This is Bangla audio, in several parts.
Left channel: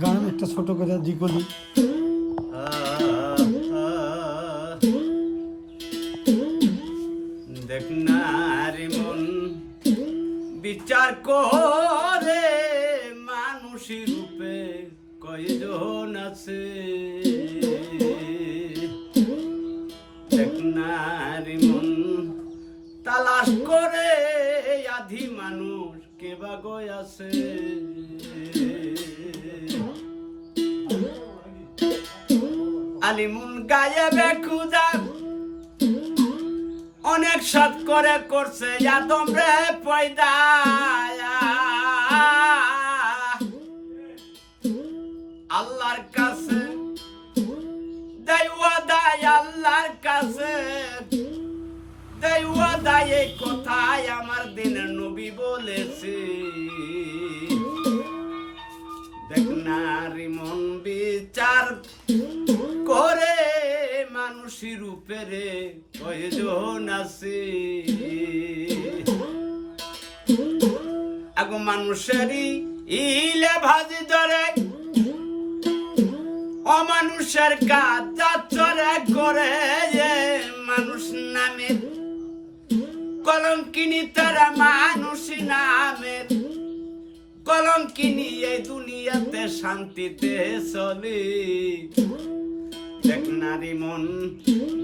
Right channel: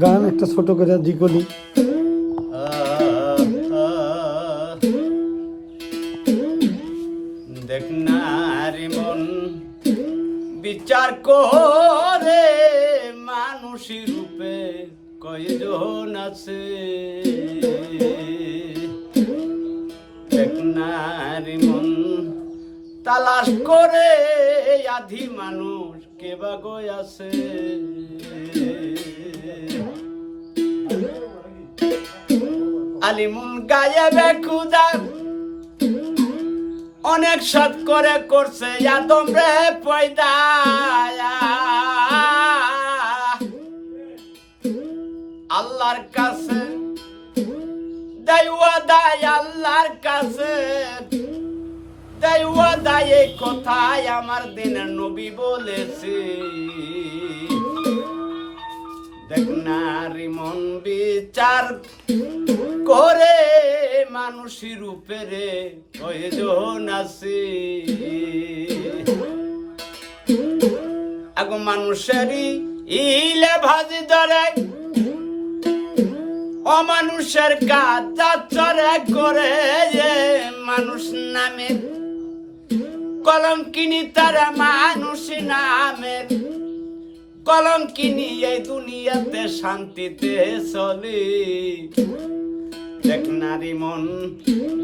গান একটা ছোট করে দিকলি। দেখ না রে মন বিচার করে মানুষী রূপে কয়জন আছে। দেখ না রে মন তালাশ করে আধি মানুষ কে বা গয় আছে। আলিমুন গায়েবে খুদা অনেক সৎ করে করছে আদম রে পয়দা। আল্লাহর কাছে দেওয়া দায়, আল্লাহর কাছে দেওয়া দায়, এই কথাই আমার দিনের নবী বলেছে। দেখ না রে মন বিচার করে মানুষী রূপে রে কয়জন আছে। আগো মানুষেরই ইলে ভাজি ধরে অমানুষের কাজ চরে করে। মানুষ নামে কলঙ্কিনী তারা মানুষ নামের কলঙ্কিনী এই দুনিয়াতে শান্তিতে চলে। দেখ নারী মন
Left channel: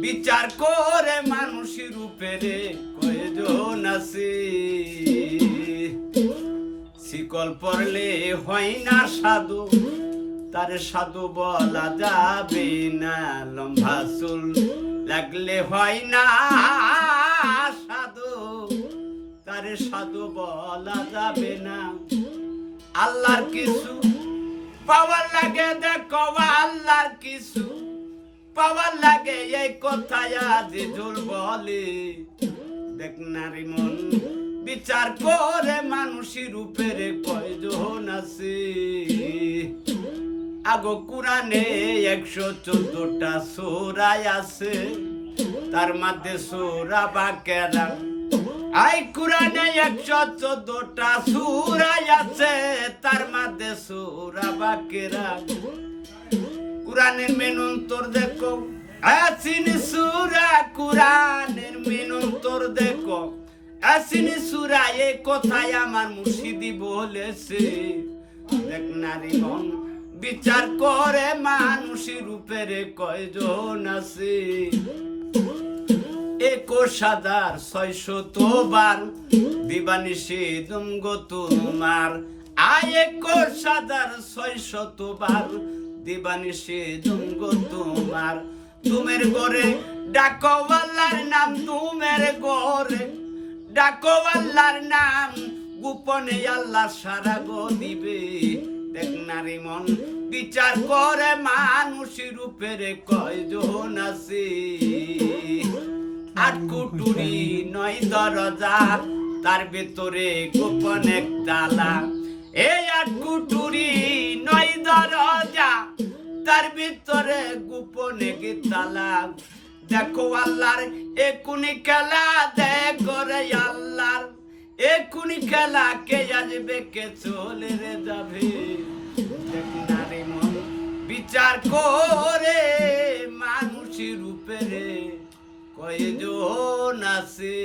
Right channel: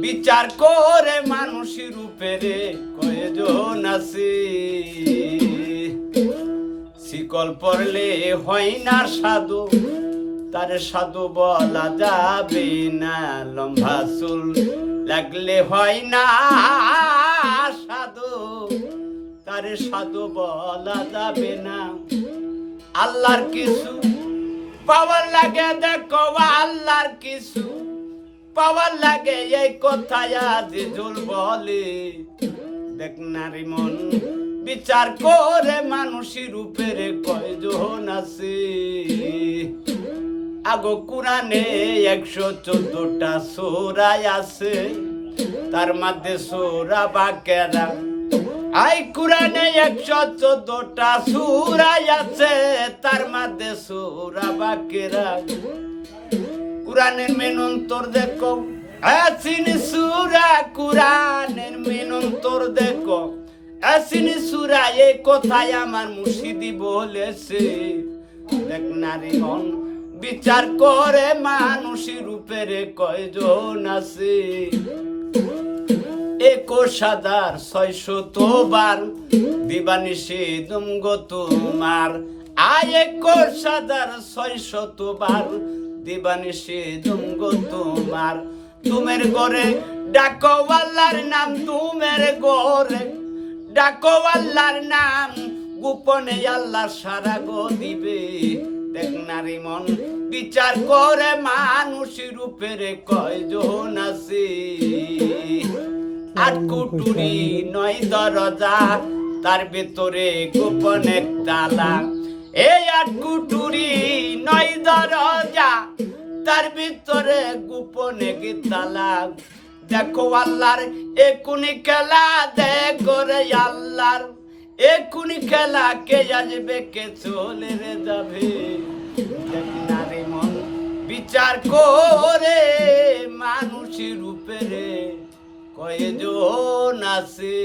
বিচার করে মানুষী রূপে রে কয়জন আছে। শিকল পড়লে হয় না সাধু, তার সাধু বলা যাবে না। লম্বা চুল লাগলে হয় না সাধু, তার সাধু বলা যাবে না। আল্লাহর কিছু পাওয়ার লাগে দেখো, আল্লাহর কিছু পাওয়ার লাগে এই কথায় আদি জোর বলে। দেখ নারী মন বিচার করে মানুষী রূপের কয়জন আছে। আগো কোরআনে 114টা সূরা আছে, তার মধ্যে সূরা বাকেরা। আই কোরআনে 114টা সূরা আছে, তার মধ্যে সূরা বাকেরা। কোরআনের মেনন্তর দেখো আসিনি সূরা, কোরআনের মেনন্তর দেখো আসিনি সূরা, এই কথাই আমার মুর্শিদি বলেছে। দেখ নারী মন বিচার করে মানুষী রূপের কয়জন আছে। 21,600 বার দিবানিশি দুমগ তোমার। 21,600 বার দিবানিশি দুমগ তোমার। তুমের ঘরে ডাকো আল্লাহর নাম, তুমের ঘরে ডাকো আল্লাহর নাম, গোপনে আল্লাহ সারা গো দিবে। দেখ নারী মন বিচার করে মানুষী রূপের কয়জন আছে। 8 কুটুরি 9 দরজা, তার ভেতরে গোপন এক তালা। এই 8 কুটুরি 9 দরজা, তার ভিতরে গোপন এক তালা। দেখো আল্লাহর একুনি খেলা, দেখো রে আল্লাহর একুনি খেলা, কে আসবে কে চলে রে যাবে। দেখ নারী মন বিচার করে মানুষী রূপে রে কয়জন আছে।